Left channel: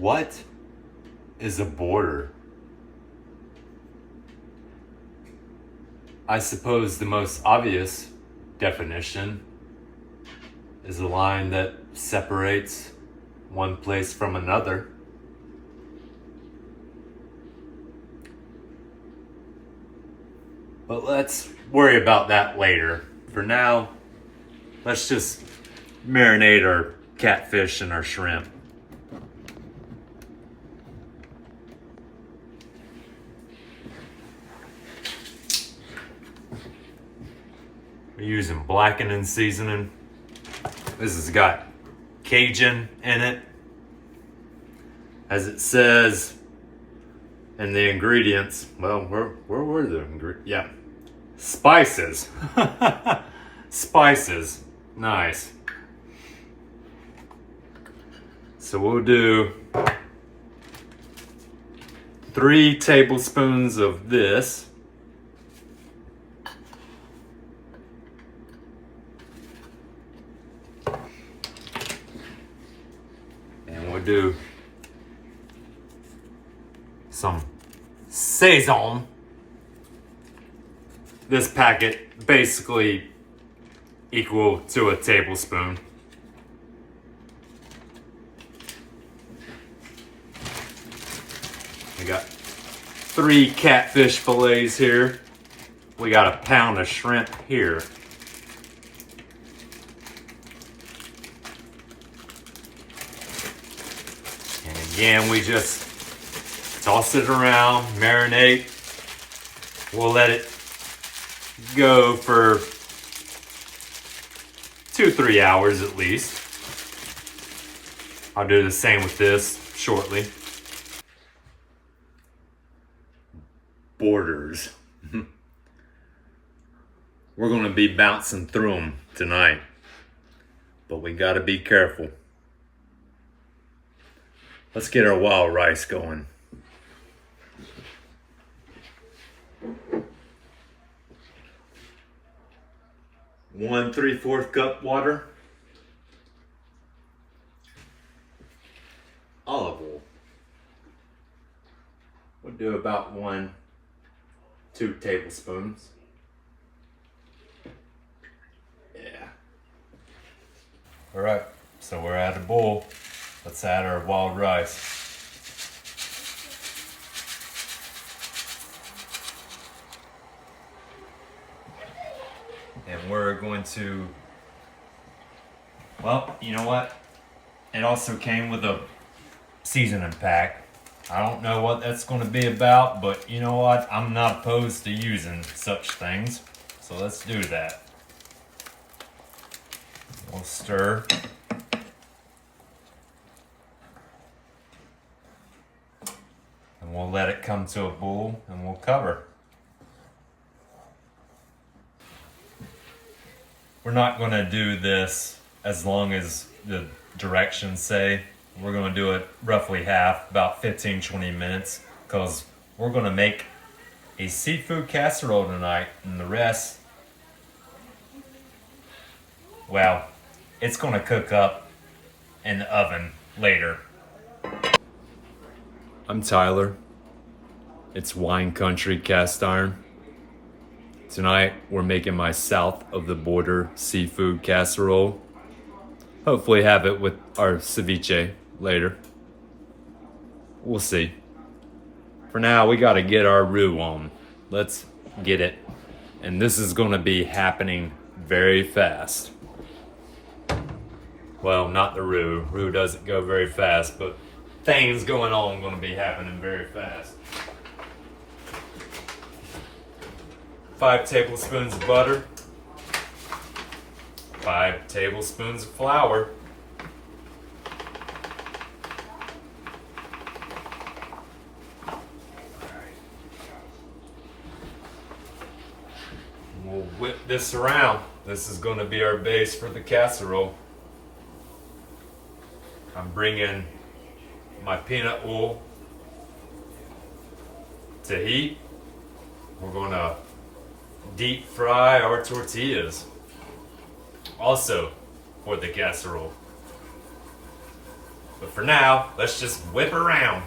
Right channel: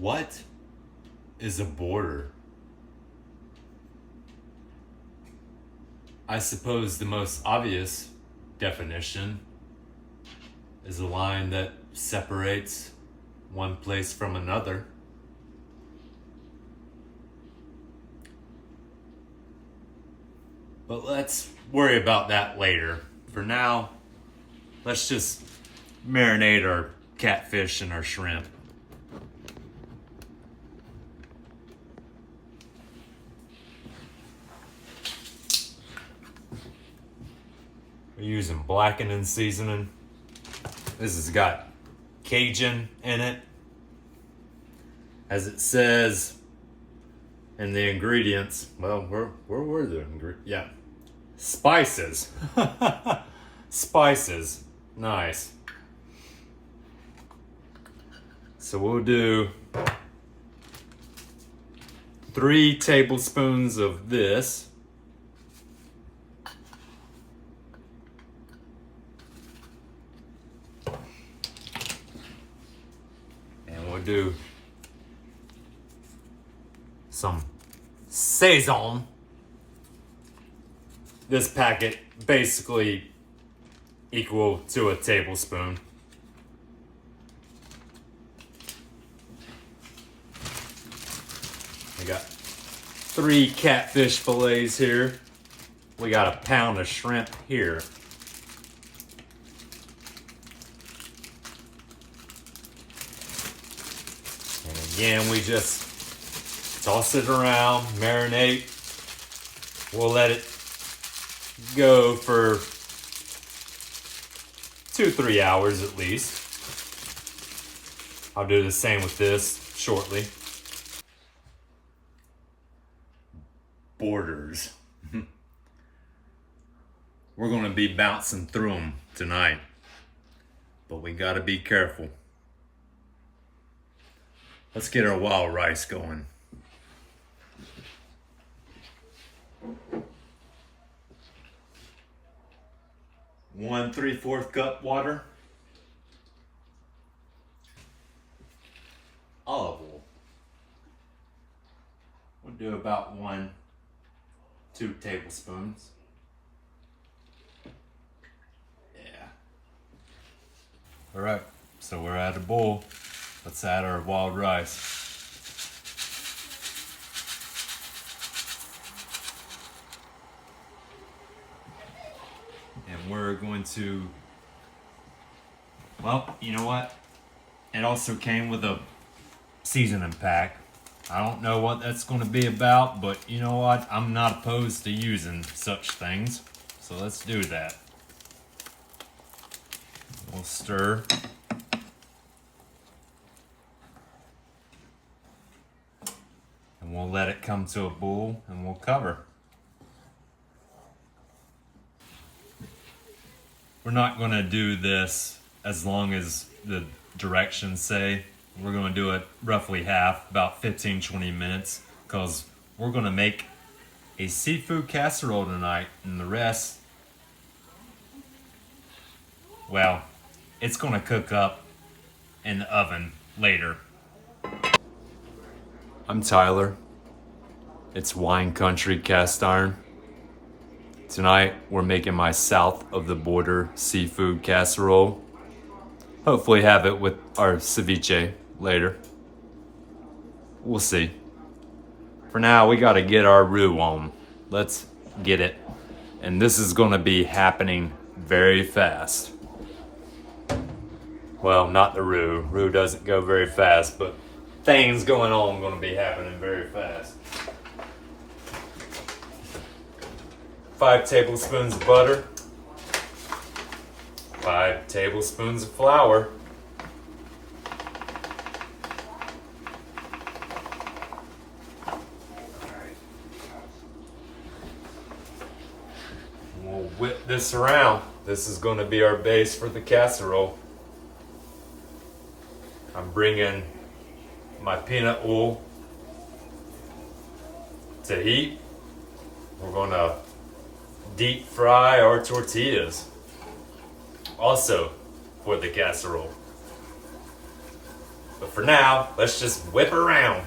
What is a border? I suppose the most obvious definition is a line that separates one place from another. But let's worry about that later. For now, let's just marinate our catfish and our shrimp. We're using blackened seasoning. This has got Cajun in it. As it says in the ingredients, well, where were the ingredients? Yeah, spices. Spices, nice. So we'll do 3 tablespoons of this. And we'll do some Saison. This packet basically equal to a tablespoon. We got 3 catfish fillets here. We got a pound of shrimp here. And again, we just toss it around, marinate. We'll let it go for 2-3 hours at least. I'll do the same with this shortly. Borders. We're going to be bouncing through them tonight, but we got to be careful. Let's get our wild rice going. One 3/4 cup water. Olive oil. We'll do about 2 tablespoons. Yeah. All right, so we're at a bowl. Let's add our wild rice. And we're going to, well, you know what? It also came with a seasoning pack. I don't know what that's going to be about, but you know what? I'm not opposed to using such things. So let's do that. We'll stir. And we'll let it come to a boil and we'll cover. We're not going to do this as long as the directions say. We're going to do it roughly half, about 15-20 minutes, because we're going to make a seafood casserole tonight, and the rest, well, it's going to cook up in the oven later. I'm Tyler. It's Wine Country Cast Iron. Tonight, we're making my south of the border seafood casserole. Hopefully have it with our ceviche later. We'll see. For now, we gotta get our roux on. Let's get it. And this is gonna be happening very fast. Well, not the roux. Roux doesn't go very fast, but things going on gonna be happening very fast. 5 tablespoons of butter, 5 tablespoons of flour, we'll whip this around. This is going to be our base for the casserole. I'm bringing my peanut oil to heat. We're going to deep fry our tortillas also for the casserole. But for now, let's just whip around.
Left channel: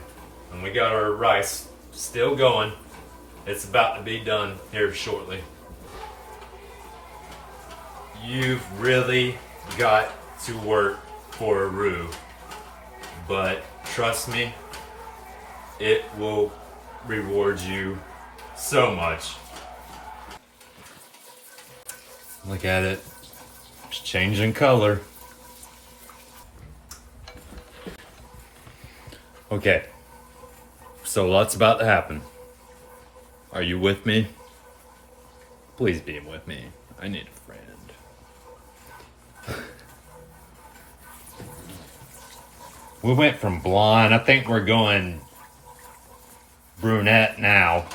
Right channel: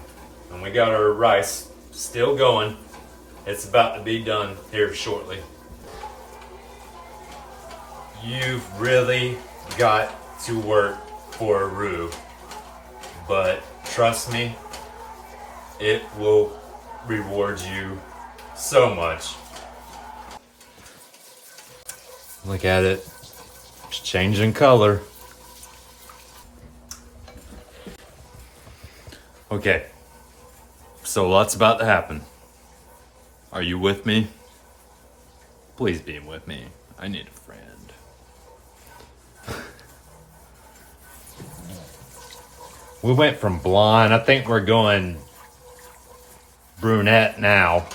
And we got our rice still going. It's about to be done here shortly. You've really got to work for a roux, but trust me, it will reward you so much. Look at it, it's changing color. Okay, so lots about to happen. Are you with me? Please be with me. I need a friend. We went from blonde. I think we're going brunette now.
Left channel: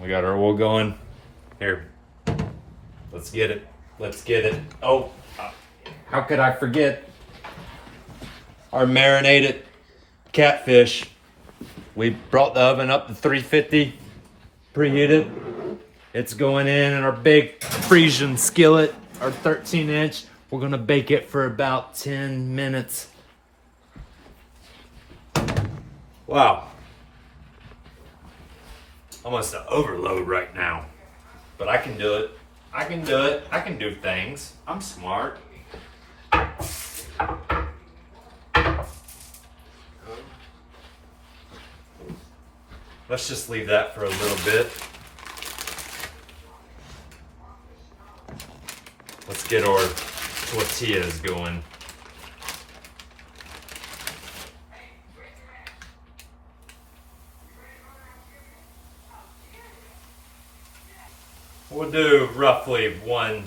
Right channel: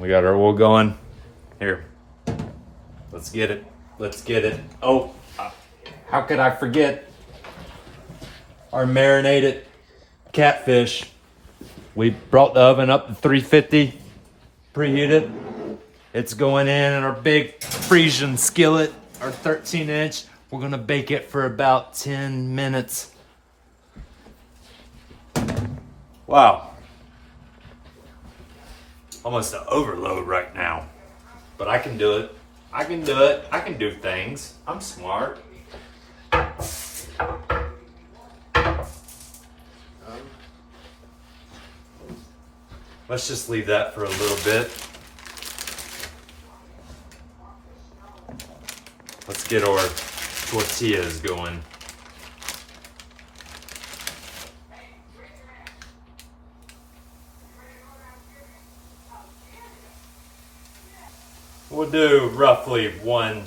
We got our oil going. Here. Let's get it. Let's get it. Oh, how could I forget our marinated catfish? We brought the oven up to 350, preheated. It's going in our big Frisian skillet, our 13-inch. We're gonna bake it for about 10 minutes. Wow. Almost an overload right now. But I can do it. I can do it. I can do things. I'm smart. Let's just leave that for a little bit. Let's get our tortillas going. We'll do roughly one,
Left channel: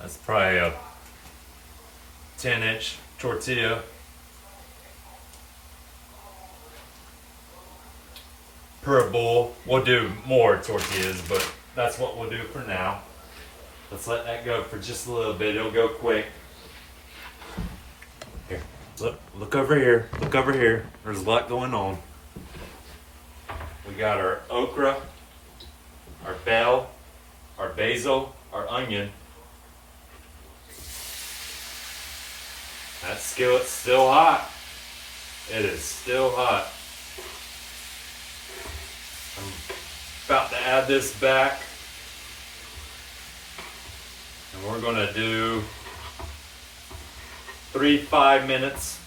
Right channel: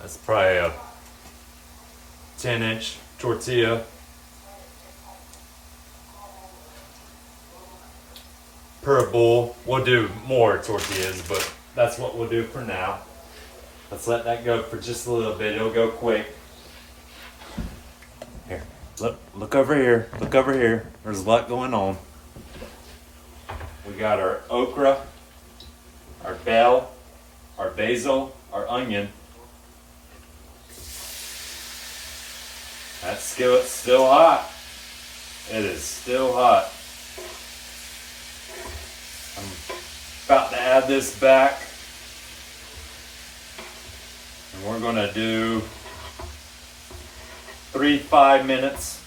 that's probably a 10-inch tortilla. Per bowl. We'll do more tortillas, but that's what we'll do for now. Let's let that go for just a little bit. It'll go quick. Here, look over here. Look over here. There's a lot going on. We got our okra, our bell, our basil, our onion. That skillet's still hot. It is still hot. I'm about to add this back. And we're gonna do 3 to 5 minutes,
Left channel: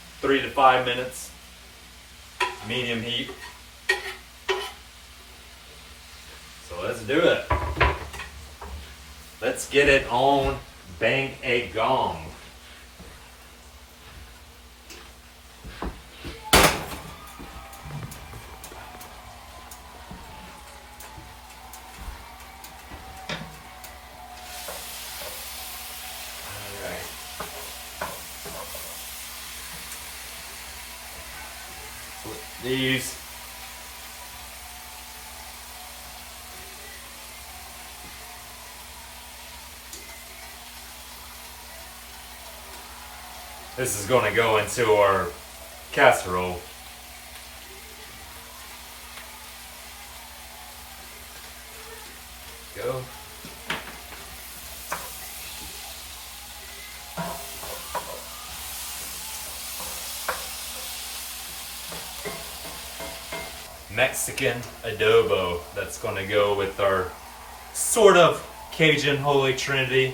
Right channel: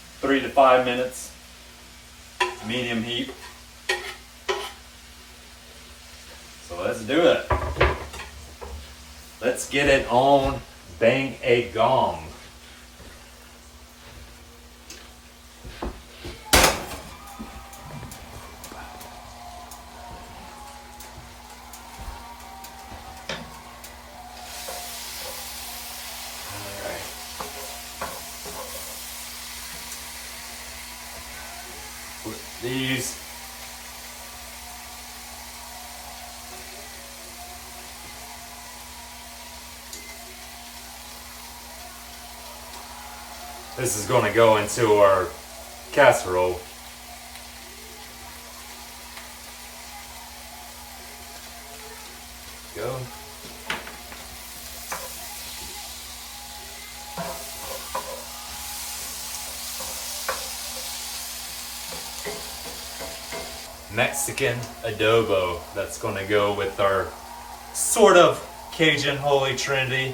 medium heat. So let's do it. Let's get it on bang a gong. These this is going to go into our casserole. Go. Mexican adobo that's going to go with our sort of Cajun Holy Trinity.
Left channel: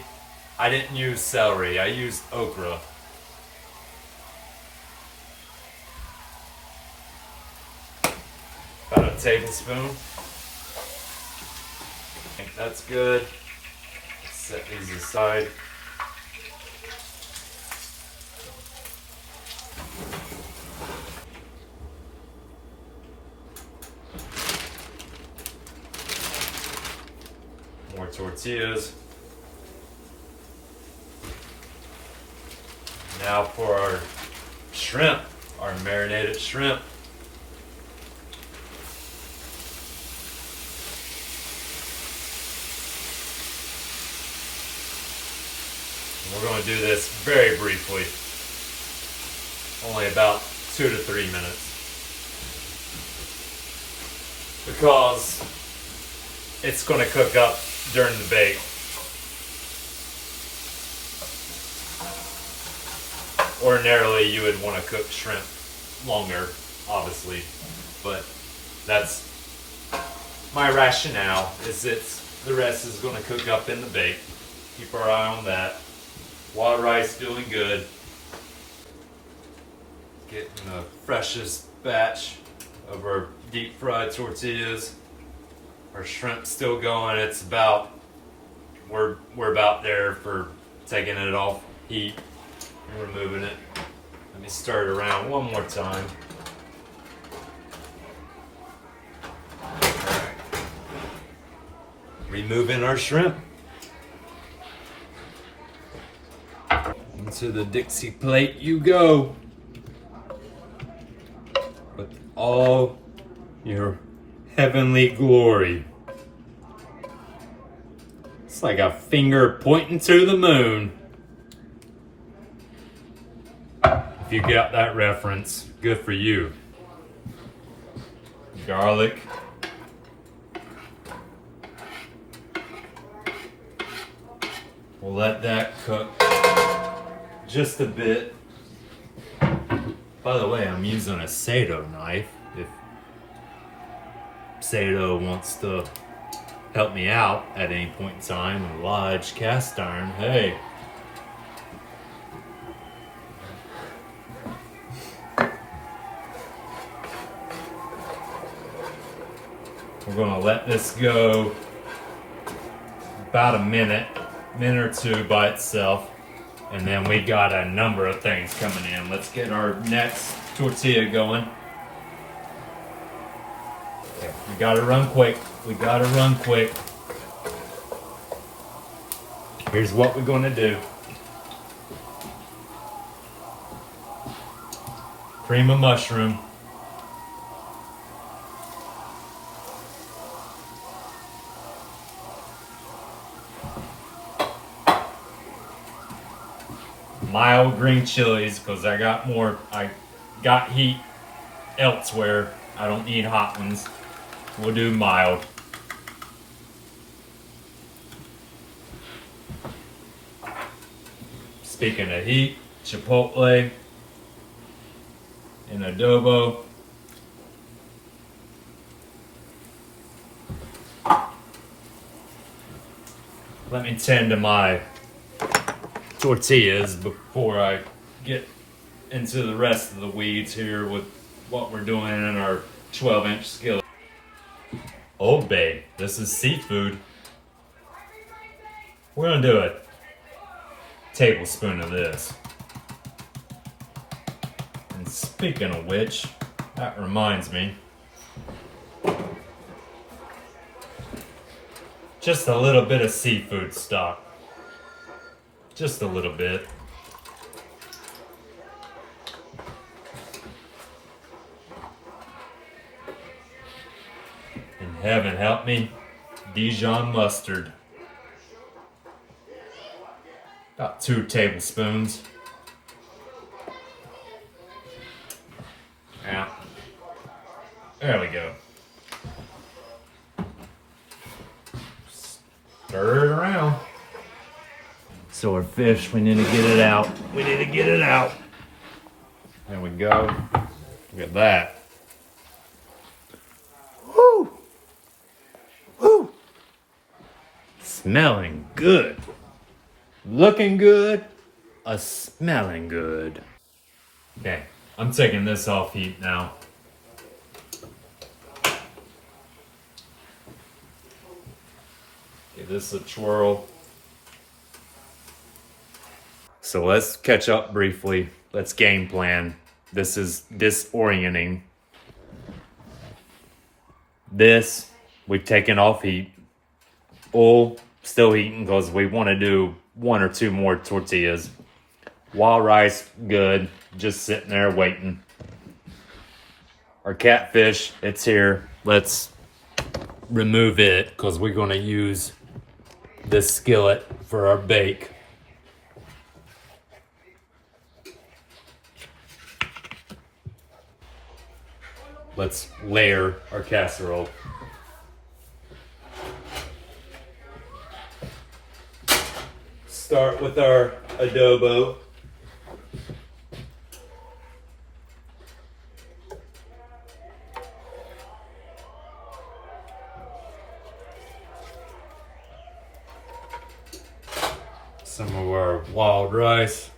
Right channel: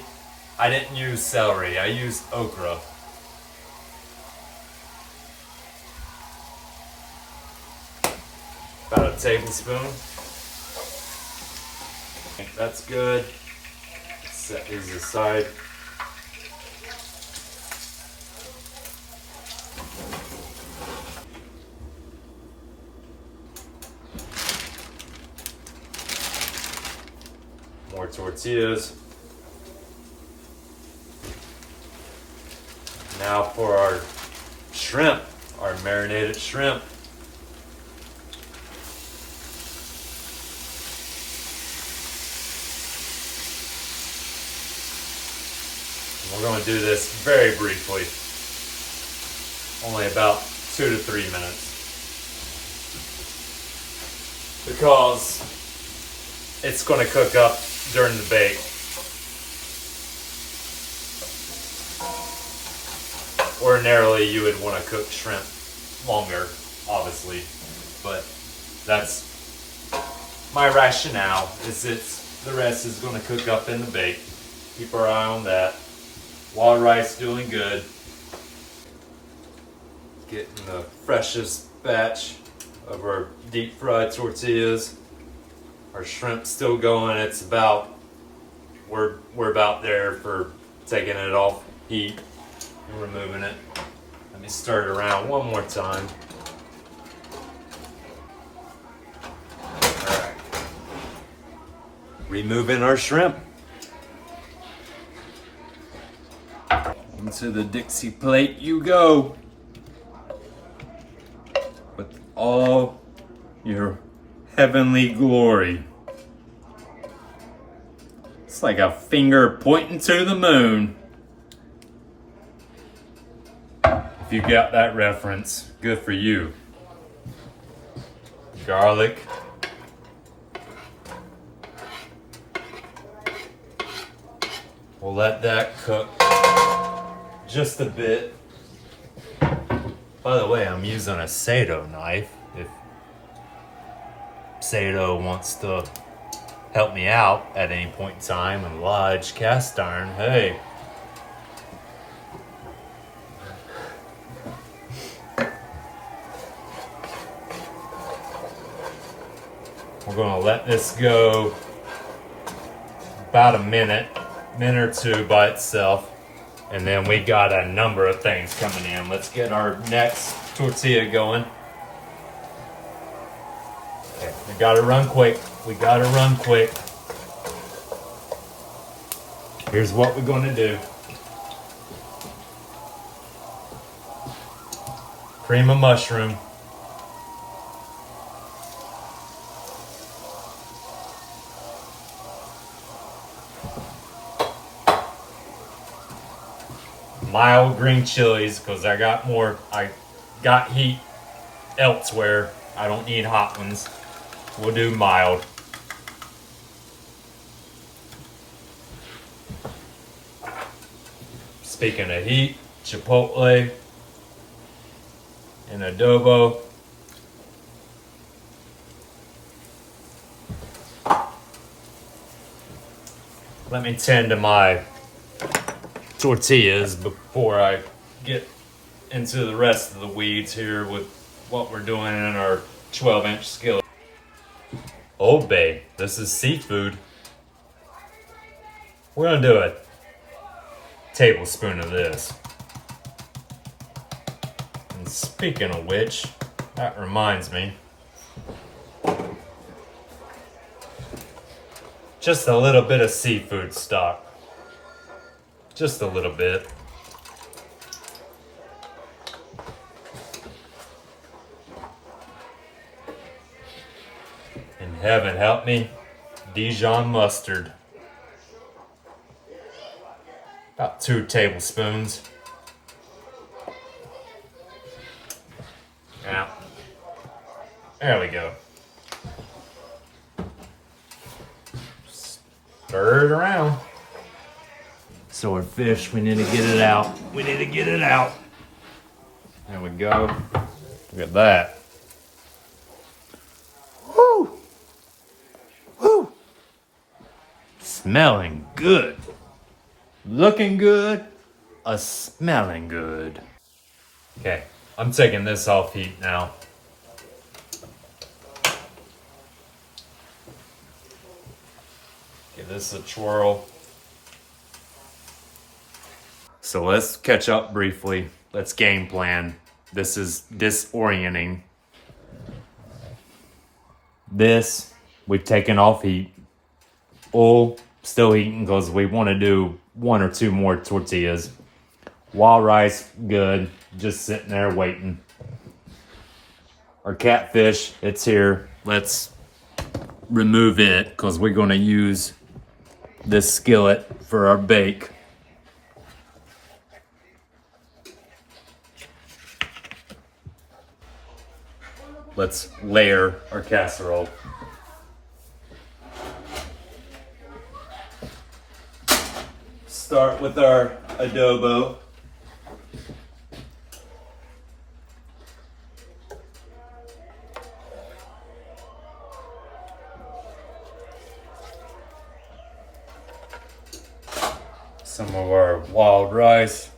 I didn't use celery, I used okra. About a tablespoon. I think that's good. Set these aside. More tortillas. Now for our shrimp, our marinated shrimp. And we're going to do this very briefly, only about 2 to 3 minutes, because it's going to cook up during the bake. Ordinarily, you would want to cook shrimp longer, obviously, but that's my rationale. The rest is going to cook up in the bake. Keep our eye on that. Wild rice doing good. Getting the freshest batch of our deep fried tortillas. Our shrimp's still going. It's about we're about there for taking it off heat and removing it. Let me stir it around one more time. Alright. Removing our shrimp. Into the Dixie plate you go. With all your heavenly glory. It's like a finger pointing to the moon. If you got that reference, good for you. Garlic. We'll let that cook just a bit. By the way, I'm using a Sato knife. If Sato wants to help me out at any point in time, a large cast iron, hey. We're gonna let this go about a minute or two by itself. And then we got a number of things coming in. Let's get our next tortilla going. Okay, we gotta run quick. Here's what we're gonna do. Cream of mushroom. Mild green chilies, because I got heat elsewhere. I don't need hot ones. We'll do mild. Speaking of heat, chipotle and adobo. Let me tend to my tortillas before I get into the rest of the weeds here with what we're doing in our 12-inch skillet. Oh babe, this is seafood. We're gonna do a tablespoon of this. And speaking of which, that reminds me, just a little bit of seafood stock. Just a little bit. And heaven help me, Dijon mustard. About 2 tablespoons. Yeah. There we go. Stir it around. So our fish, we need to get it out. There we go. Look at that. Woo! Woo! Smelling good. Looking good. Smelling good. Okay, I'm taking this off heat now. Give this a twirl. So let's catch up briefly. Let's game plan. This is disorienting. This, we've taken off heat. Oil, still heating because we want to do 1 or 2 more tortillas. Wild rice, good. Just sitting there waiting. Our catfish, it's here. Let's remove it because we're going to use this skillet for our bake. Let's layer our casserole. Start with our adobo. Some of our wild rice.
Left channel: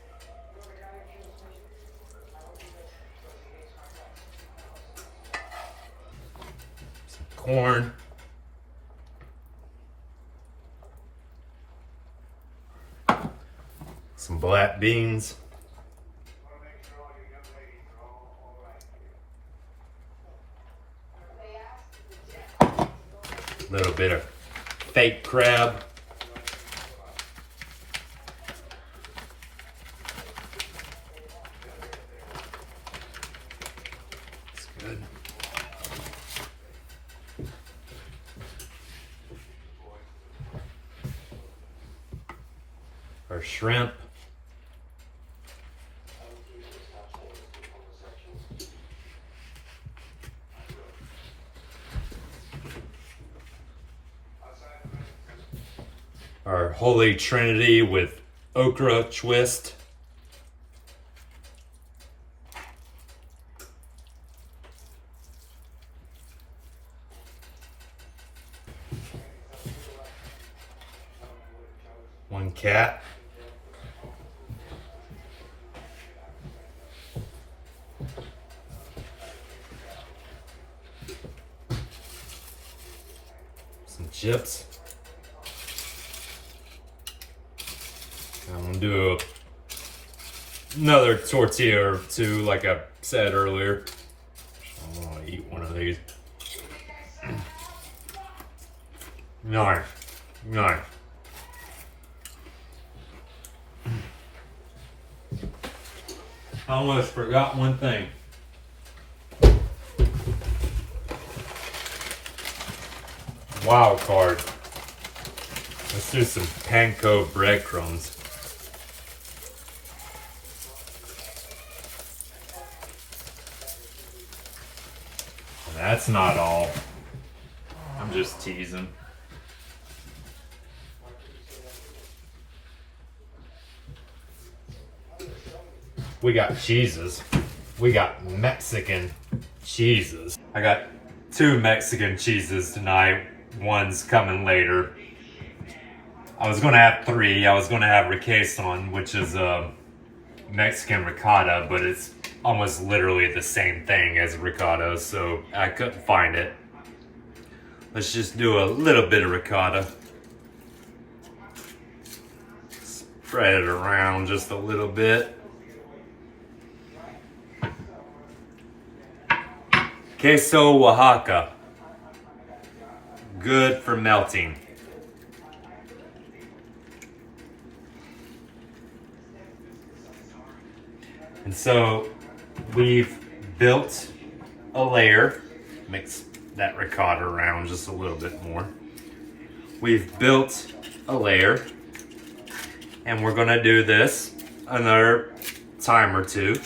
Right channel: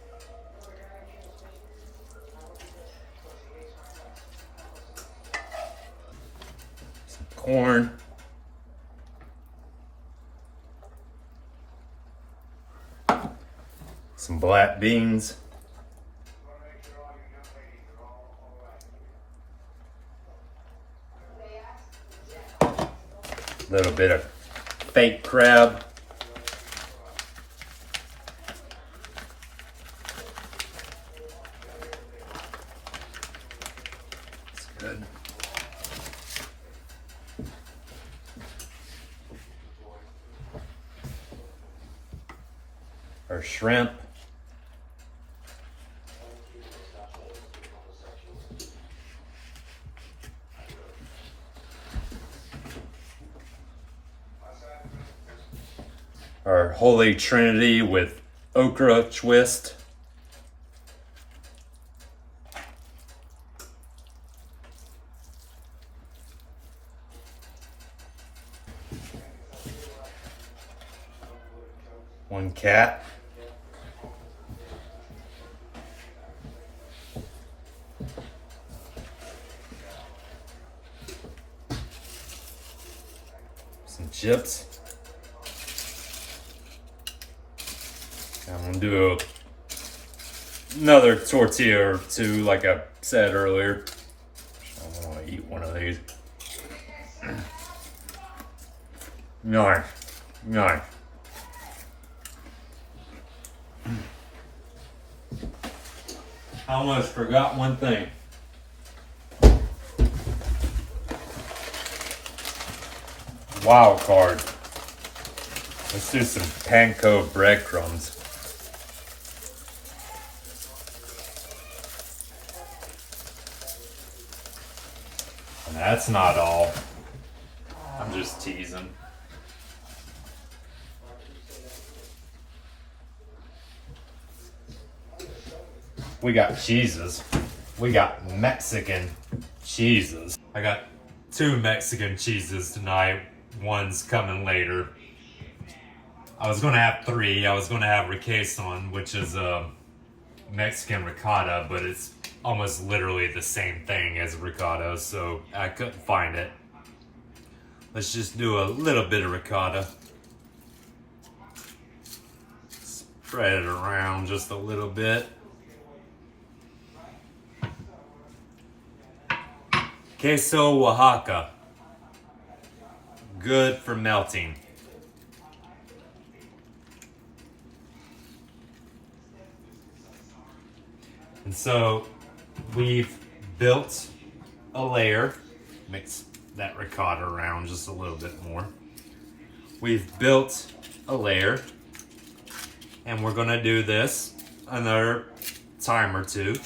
Some corn. Some black beans. A little bit of fake crab. It's good. Our shrimp. Our Holy Trinity with okra twist. One cat. Some chips. I'm gonna do another tortilla or two, like I said earlier. I'm gonna eat one of these. Nice, nice. I almost forgot one thing. Wild card. Let's do some panko breadcrumbs. That's not all. I'm just teasing. We got cheeses. We got Mexican cheeses. I got 2 Mexican cheeses tonight. One's coming later. I was gonna have 3. I was gonna have requesón, which is a Mexican ricotta, but it's almost literally the same thing as ricotta, so I couldn't find it. Let's just do a little bit of ricotta. Spread it around just a little bit. Queso Oaxaca. Good for melting. And so we've built a layer. Mix that ricotta around just a little bit more. We've built a layer, and we're gonna do this another time or 2.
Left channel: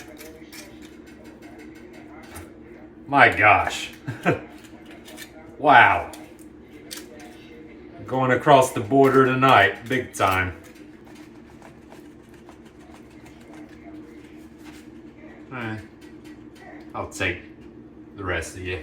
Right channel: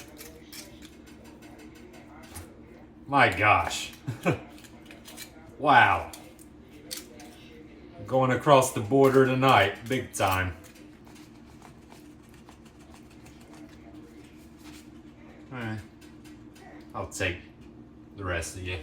My gosh. Wow. Going across the border tonight, big time. I'll take the rest of you.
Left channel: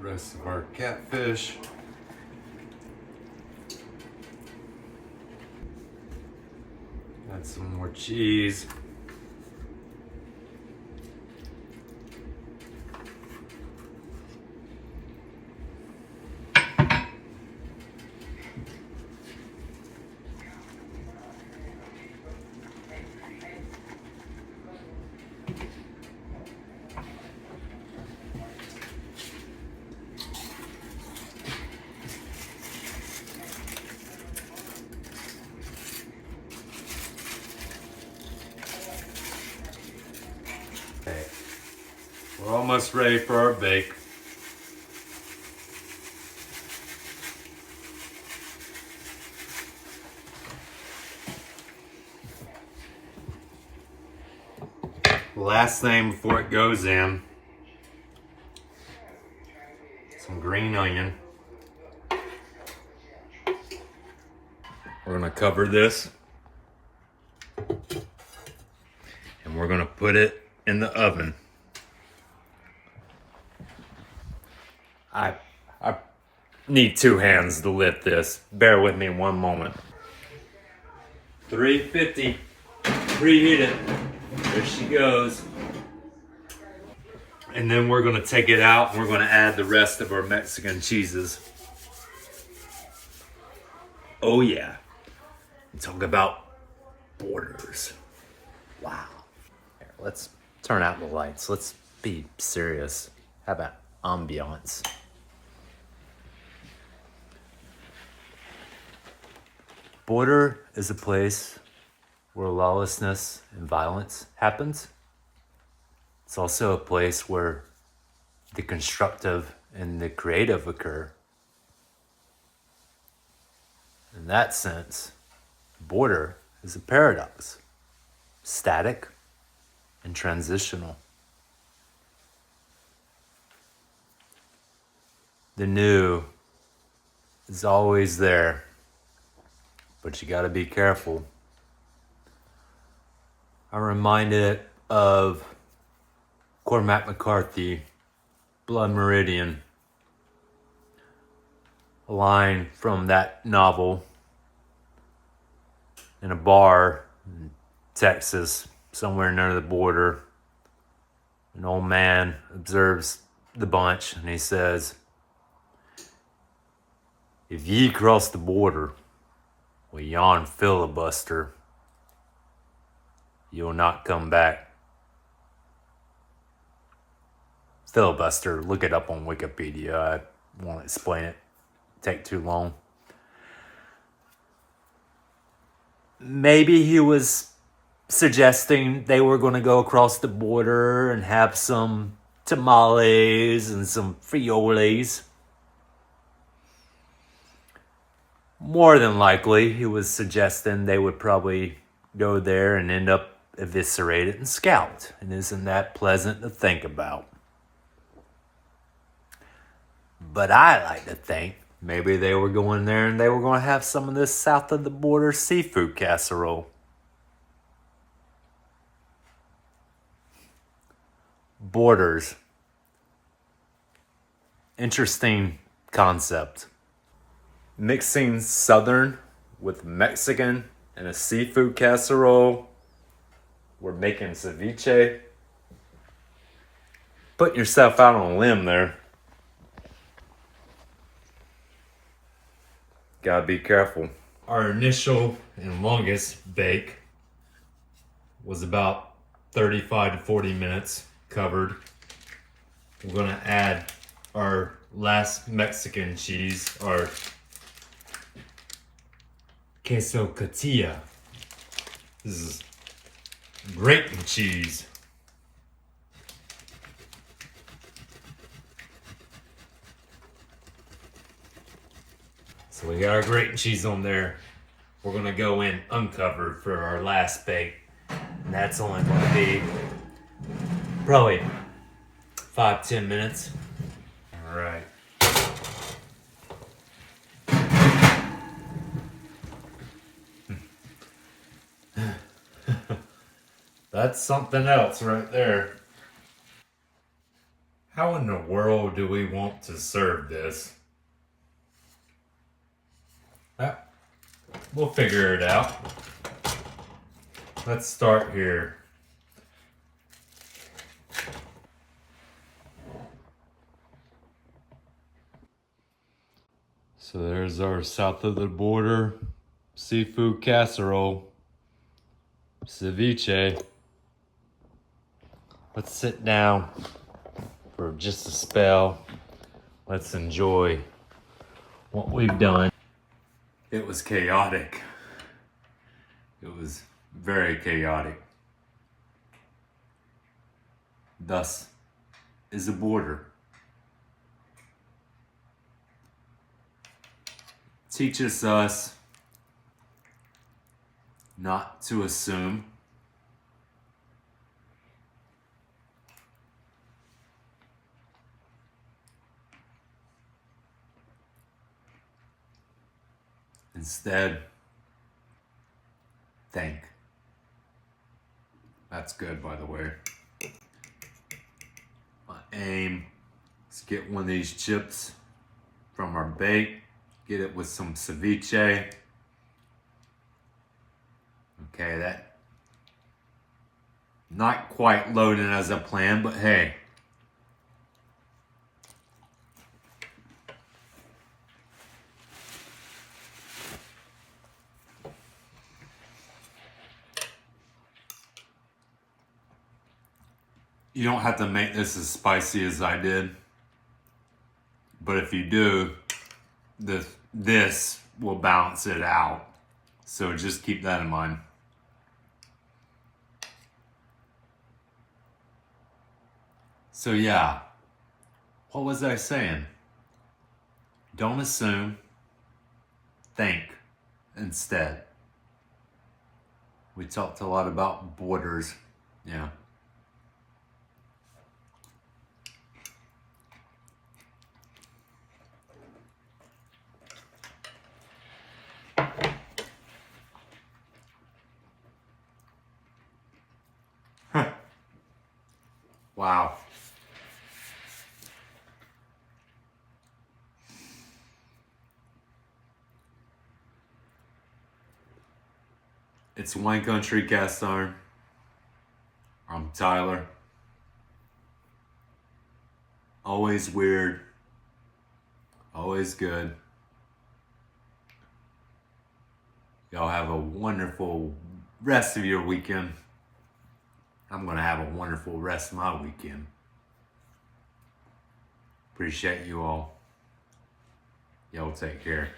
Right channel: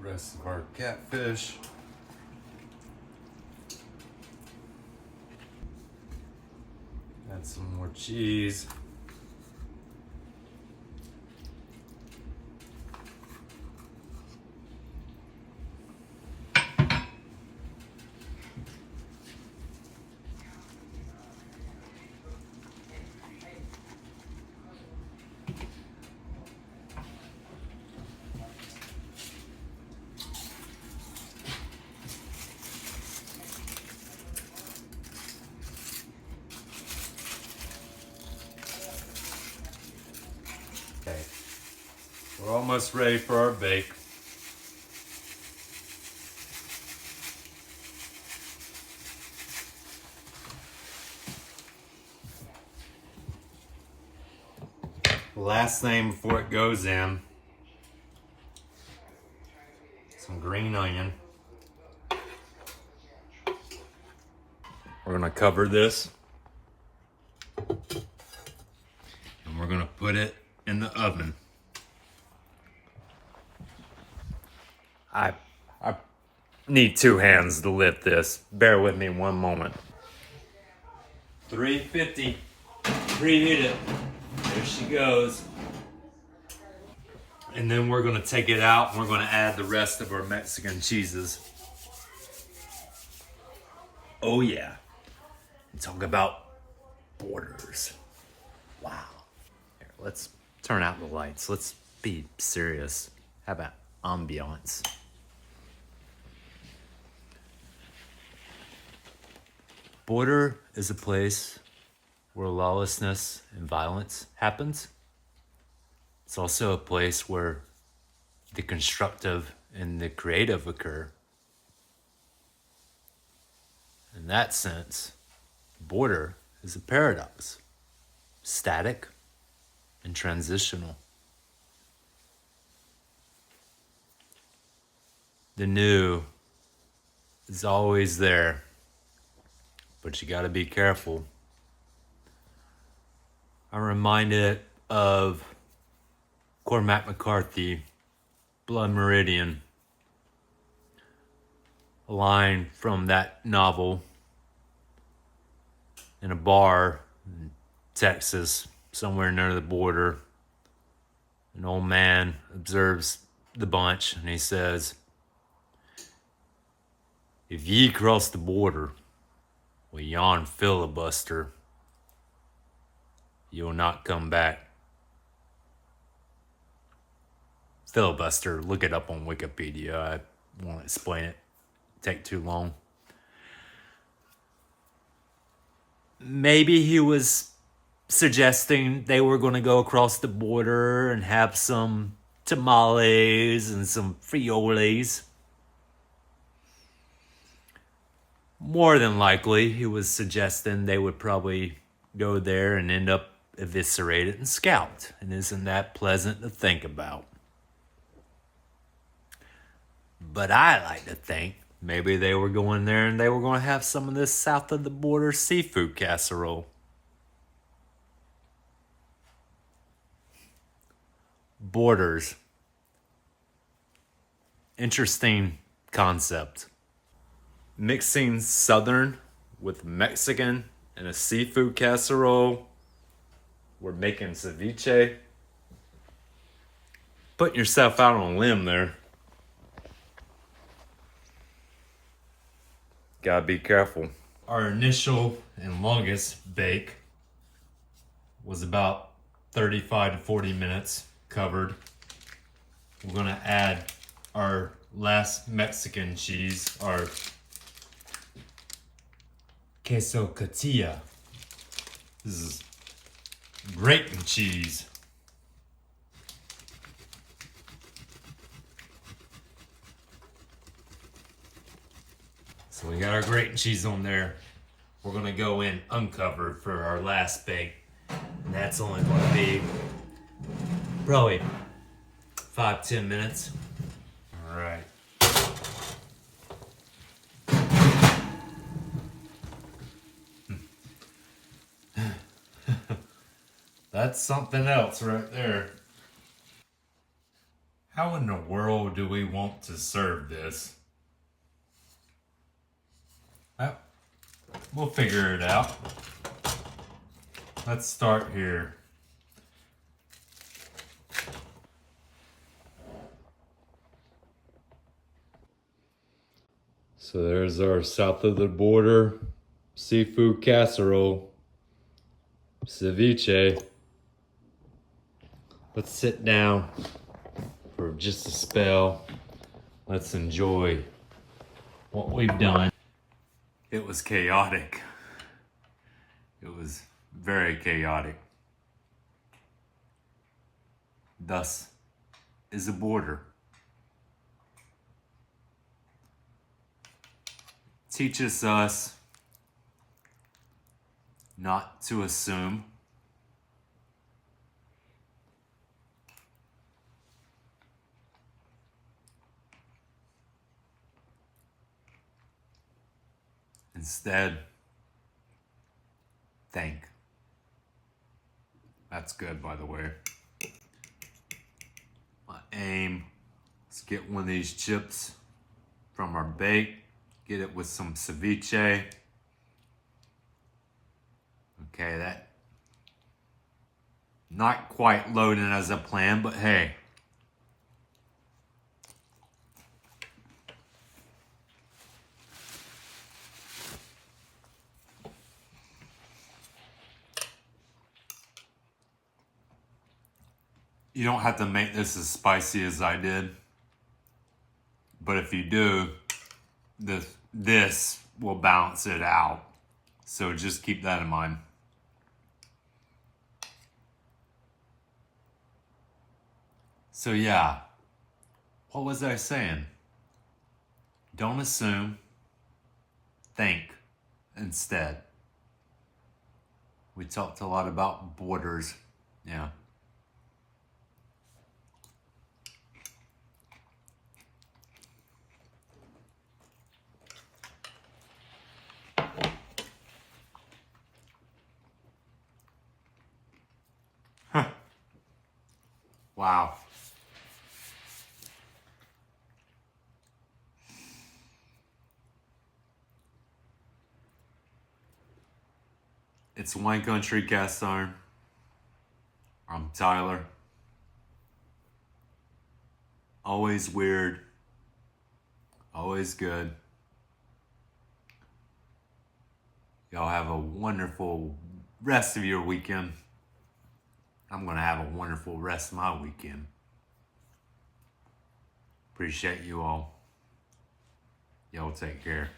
Rest of our catfish. Add some more cheese. Okay, we're almost ready for our bake. Last thing before it goes in, some green onion. We're gonna cover this and we're gonna put it in the oven. I need 2 hands to lift this. Bear with me one moment. 350, preheat it. There she goes. And then we're gonna take it out and we're gonna add the rest of our Mexican cheeses. Oh yeah. Talk about borders. Wow. Here, let's turn out the lights. Let's be serious. How about ambiance? Border is a place where lawlessness and violence happens. It's also a place where the constructive and the creative occur. In that sense, border is a paradox, static and transitional. The new is always there, but you gotta be careful. I'm reminded of Cormac McCarthy, Blood Meridian, a line from that novel. In a bar in Texas, somewhere near the border, an old man observes the bunch and he says, "If ye cross the border with yon filibuster, you'll not come back." Filibuster, look it up on Wikipedia. I won't explain it. Take too long. Maybe he was suggesting they were going to go across the border and have some tamales and some frioles. More than likely, he was suggesting they would probably go there and end up eviscerated and scalped. And isn't that pleasant to think about? But I like to think maybe they were going there and they were going to have some of this south of the border seafood casserole. Borders. Interesting concept. Mixing Southern with Mexican in a seafood casserole. We're making ceviche. Putting yourself out on a limb there. Gotta be careful. Our initial and longest bake was about 35 to 40 minutes covered. We're gonna add our last Mexican cheese, our queso tortilla. This is grating cheese. So we got our grating cheese on there. We're gonna go in uncovered for our last bake. And that's only gonna be probably 5-10 minutes. All right. That's something else right there. How in the world do we want to serve this? We'll figure it out. Let's start here. So there's our south of the border seafood casserole, ceviche. Let's sit down for just a spell. Let's enjoy what we've done. It was chaotic. It was very chaotic. Thus is a border. Teaches us not to assume. Instead, think. That's good, by the way. My aim is to get one of these chips from our bake, get it with some ceviche. Okay, that not quite loading as I planned, but hey. You don't have to make this as spicy as I did, but if you do, this will balance it out. So just keep that in mind. So yeah, what was I saying? Don't assume, think instead. We talked a lot about borders, yeah. Wow. It's Wine Country Cast Iron. I'm Tyler. Always weird. Always good. Y'all have a wonderful rest of your weekend. I'm going to have a wonderful rest of my weekend. Appreciate you all. Y'all take care.